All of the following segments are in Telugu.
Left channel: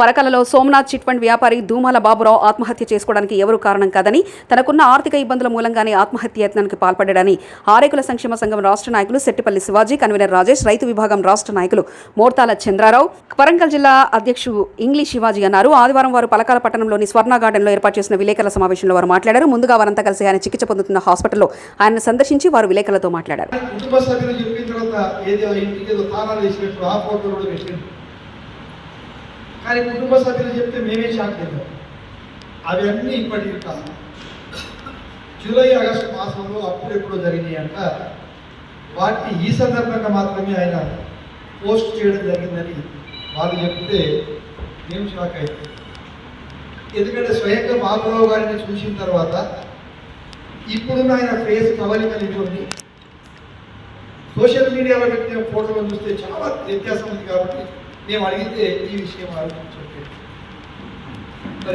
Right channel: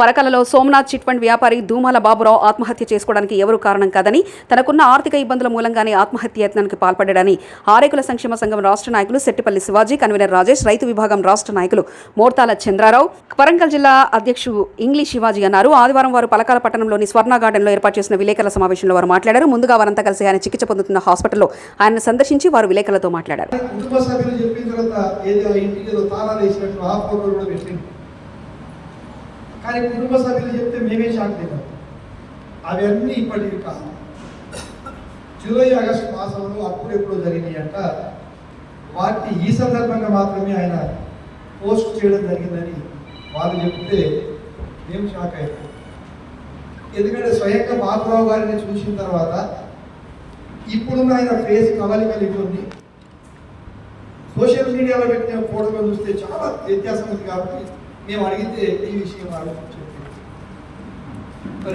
పరకలలో సోమనాథ్ చిట్ ఫండ్ వ్యాపారి ధూమాల బాబురావు ఆత్మహత్య చేసుకోవడానికి ఎవరు కారణం కాదని, తనకున్న ఆర్థిక ఇబ్బందుల మూలంగానే ఆత్మహత్య యత్నానికి పాల్పడ్డాడని ఆరేకుల సంక్షేమ సంఘం రాష్ట్ర నాయకులు సెట్టిపల్లి శివాజీ, కన్వీనర్ రాజేష్, రైతు విభాగం రాష్ట్ర నాయకులు మోర్తాల చంద్రారావు, వరంగల్ జిల్లా అధ్యక్షుడు ఇంగ్లీష్ శివాజీ అన్నారు. ఆదివారం వారు పలకాల పట్టణంలోని స్వర్ణ గార్డెన్లో ఏర్పాటు చేసిన విలేకరుల సమావేశంలో వారు మాట్లాడారు. ముందుగా వారంతా కలిసి ఆయన చికిత్స పొందుతున్న హాస్పిటల్లో ఆయన సందర్శించి వారు విలేకరులతో మాట్లాడారు. కానీ కుటుంబ సభ్యులు చెప్తే మేమే షాక్ తిన్నాం. అవన్నీ ఇప్పటికి కాదు, జూలై ఆగస్టు మాసంలో అప్పుడెప్పుడో జరిగినాయి అంట. వాటిని ఈ సందర్భంగా మాత్రమే ఆయన పోస్ట్ చేయడం జరిగిందని వాళ్ళు చెప్తే మేము షాక్ అయ్యాం. ఎందుకంటే స్వయంగా బాబురావు గారిని చూసిన తర్వాత ఇప్పుడున్న ఆయన ఫేస్ కవలికలు ఇవ్వండి సోషల్ మీడియాలో పెట్టిన ఫోటోలు చూస్తే చాలా వ్యత్యాసం ఉంది. కాబట్టి మేము అడిగితే ఈ విషయం ఆలోచించండి.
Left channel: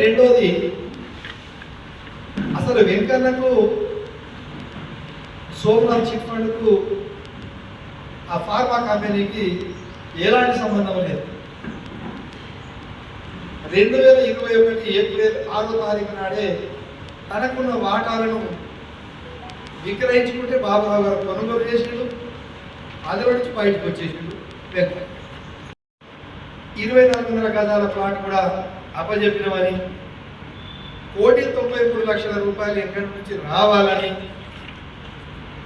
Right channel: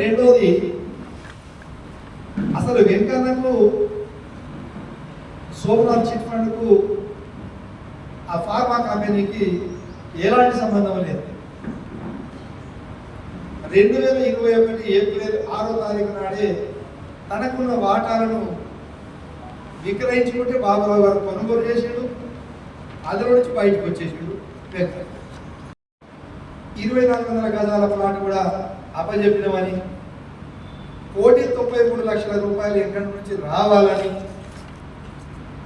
రెండోది, అసలు వెంకన్నకు సోమనాథ్ చిట్ ఫండ్కు ఆ ఫార్మా కంపెనీకి ఎలాంటి సంబంధం లేదు. 2021 ఏప్రిల్ 6వ తారీఖు నాడే తనకున్న వాటాలను విక్రయించుకుంటే బాబురావు గారు కొనుగోలు చేసిండు. అందులో నుంచి బయటకు వచ్చేసిండు. 2400 గజాల ప్లాట్ కూడా అప్పజెప్పినవని, 1,93,00,000 రూపాయలు ఎక్కడి నుంచి రావాలని,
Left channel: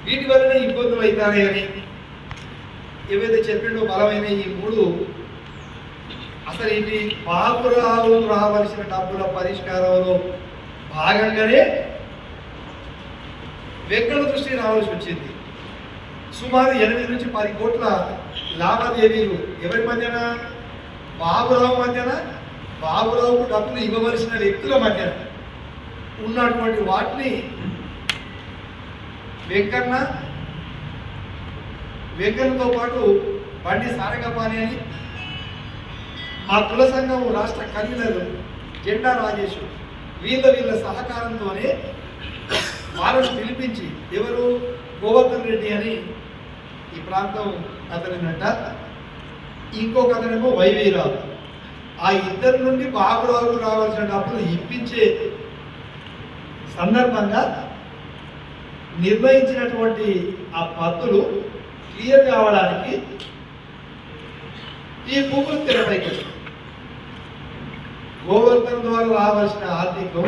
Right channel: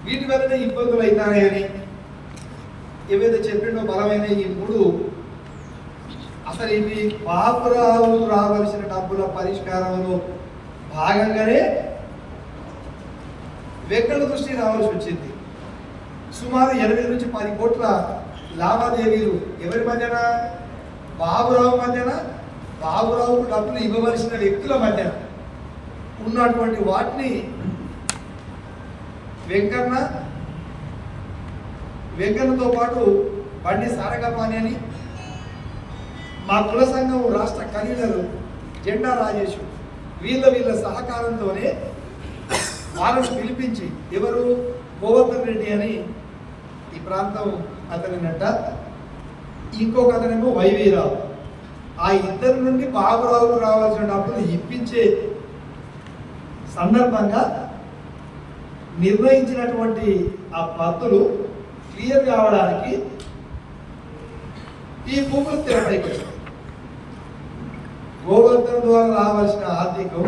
వీటి వల్లనే ఇబ్బందులు అవుతాయని ఏవైతే చెప్పిండో బలమైన ఈ మూడు, అసలు ఇది బాబురావు రావాల్సిన డబ్బుల పరిష్కారంలో భాగంగానే వెంకన్న దృష్టి రావాల్సి వచ్చింది. సుమారు 8 నుంచి 10 కోట్ల లావాదేవీలు ఎవరి మధ్యన? బాబురావు మధ్యన, బాబురావుకు డబ్బులు ఇవ్వవలసిన వ్యక్తుల మధ్యన ఉన్నటువంటి వాటిని వెంకన్నతో పాటు బండి సారకపాణి అని, మా కుల సంఘం రాష్ట్ర కన్వీనర్ జెండా రాజేష్, వీళ్ళ సహకారంతోనే వాళ్ళను పిలిపించి, ఎవరు? గోవర్ధన్ రెడ్డి అని ఈ ప్రాంతం అతనినట్ట, ఇంకొక అతనేమో వైవీరావు. ఆ ఇద్దరి నుండి బాబురావుకు రావాల్సిన డబ్బులు ఇప్పించే సందర్భంగా నిర్ణయించినటువంటి ఆ పద్ధతులు క్లియర్ కావడానికి ఈ భూములు తెరపైకి వచ్చాయి. గోవర్ధన్ ద్వారా రావాల్సిన ఆర్థికం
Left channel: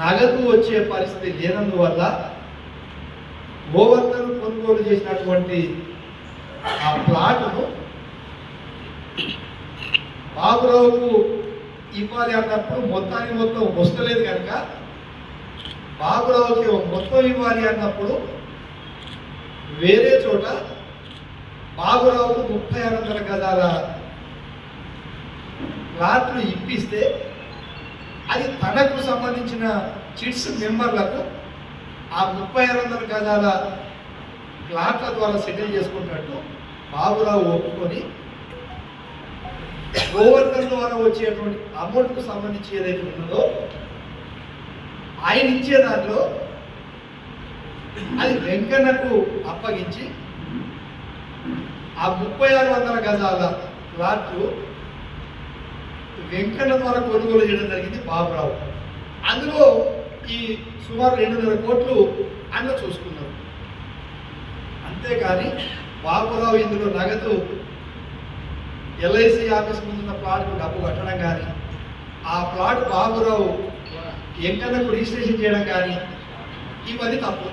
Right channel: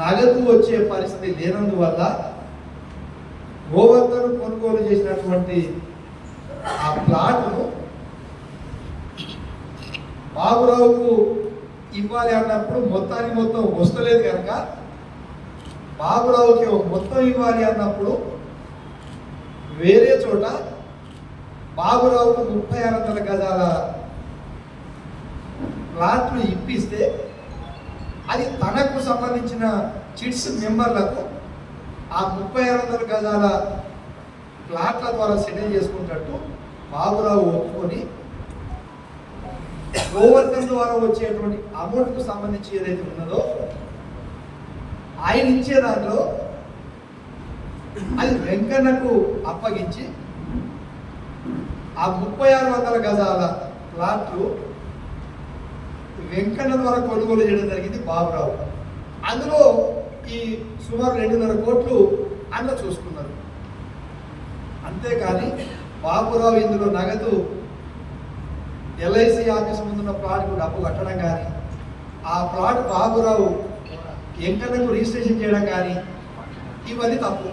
నగదు వచ్చే పరిస్థితి లేనందువల్ల గోవర్ధన్ కొనుగోలు చేసినటువంటి ఆ ప్లాట్ను బాబురావుకు ఇవ్వాలి అన్నప్పుడు మొత్తం వస్తలేదు కనుక బాబురావుకి మొత్తం ఇవ్వాలి అన్నప్పుడు వేరే చోట బాబురావుకు 3600 గజాల ప్లాట్లు ఇప్పిస్తే అది తనకు సంబంధించిన చిట్స్ మెంబర్లకు ఆ 3600 గజాల ప్లాట్ల ద్వారా సెటిల్ చేసుకున్నట్టు బాబురావు ఒప్పుకొని గోవర్ధన్ ద్వారా వచ్చేటువంటి అమౌంట్కు సంబంధించి ఏదైతే ఉన్నదో ఆయన ఇచ్చే దాంట్లో అది వెంకన్నకు అప్పగించి ఆ 3600 గజాల ప్లాట్లు వెంకన్న ద్వారా కొనుగోలు చేయడం జరిగింది బాబురావు. అందులో ఈ సుమారు 2.5 కోట్లు అన్న చూసుకున్నారు. అంతేకాని బాబురావు ఇందులో నగదు ఎల్ఐసి ఆఫీస్ ముందున్న ప్లాట్కు డబ్బు కట్టడం కానీ, ఆ ప్లాట్ బాబురావు వెంకన్నకు రిజిస్ట్రేషన్ చేయడం కానీ, ఇవన్నీ తప్పు.